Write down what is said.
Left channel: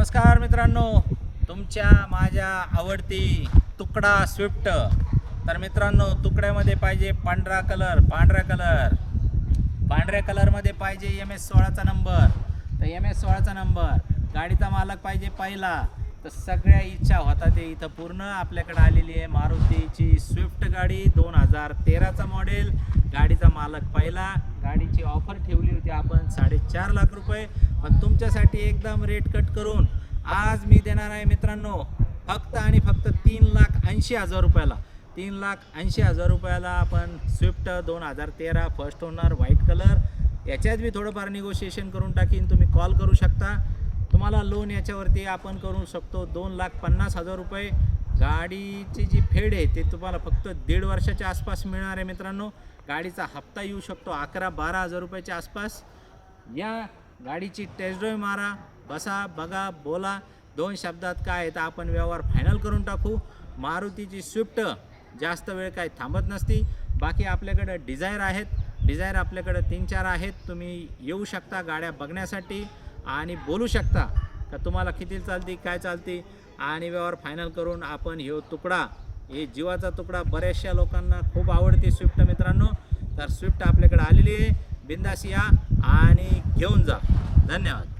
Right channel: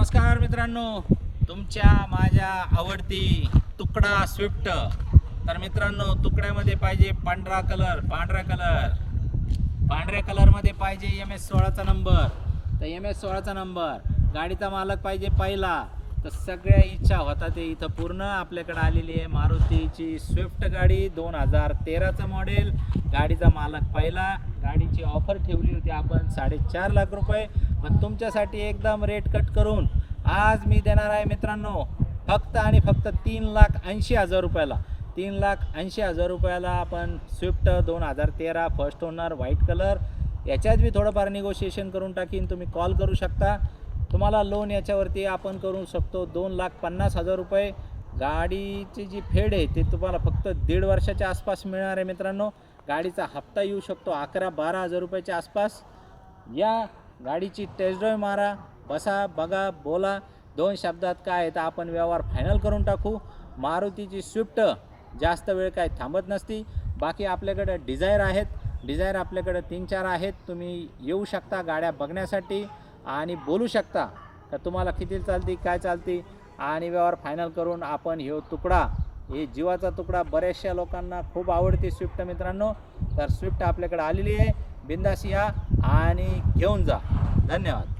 नमस्कार मित्रांनो, तुमच्या माझ्या आवडती तुकडा स्विफ्ट। तर मित्रांनो, तुकड्यामध्ये पाहिजे पांढरा कलरमध्ये पाहिजे MS16चा नंबर। तर MS16चा नंबर, गाडीचा मालक पाहिजे पहिला। तर सगळ्या इच्छा होता ते इथं पूर्ण आपल्याकडे आलेली आहे। मारुतीची स्विफ्ट गाडी 2013चा मॉडेल, गाडीचा मालक पहिला। गाडीची ऑफर ठेवली होती आपण 4.5 लाख रुपये, पण तुमच्यासाठी एकदम रेट कट करून आज मी देणार आहे मित्रांनो फक्त आणि फक्त 3,80,000 रुपयाला। 3,80,000 रुपयाला आपण Swift 2013 first owner white colour. याच्यात मी थोडंफार निगोशिएशन करून टाकीन, तुम्ही कॉल करू शकता। तुम्हाला लोन याच्यावरती आपण करू शकतो 2,50,000 रुपये। गाडीची जी फेड आहे ते तुम्हाला फक्त 1.5 वर्षाच्या आसपास मिळणार आहे मित्रांनो। गाडीचा हप्ता येऊ शकतो 11-12,000 रुपयाच्या आसपास। या गाडीची टेस्ट ड्राईव्ह मारा, बसा, बघा, बोला। 2 शब्दात काय आहे तर आपण व्यवहार फायनल करून टाकू। मारुतीची स्विफ्ट जास्त वेळ काय थांबत नसती। बाकी आपल्याकडे डिझायर आहेत, डिझायर आपल्याकडे 3-4 आहेत। तुम्ही येऊ शकता गाड्या बघण्यासाठी आणि बोलू शकता का तुम्हाला किती चालती, काय चालती, आणि व्यवहार फायनल करून आपण तुकडा, हे जीवाचा तुकडा बऱ्याचशा लोकांना खूप आवडते स्विफ्ट मित्रांनो। तर स्विफ्ट आपल्याकडे आलेली आहे, बिंदास या आणि घेऊन जा। धन्यवाद।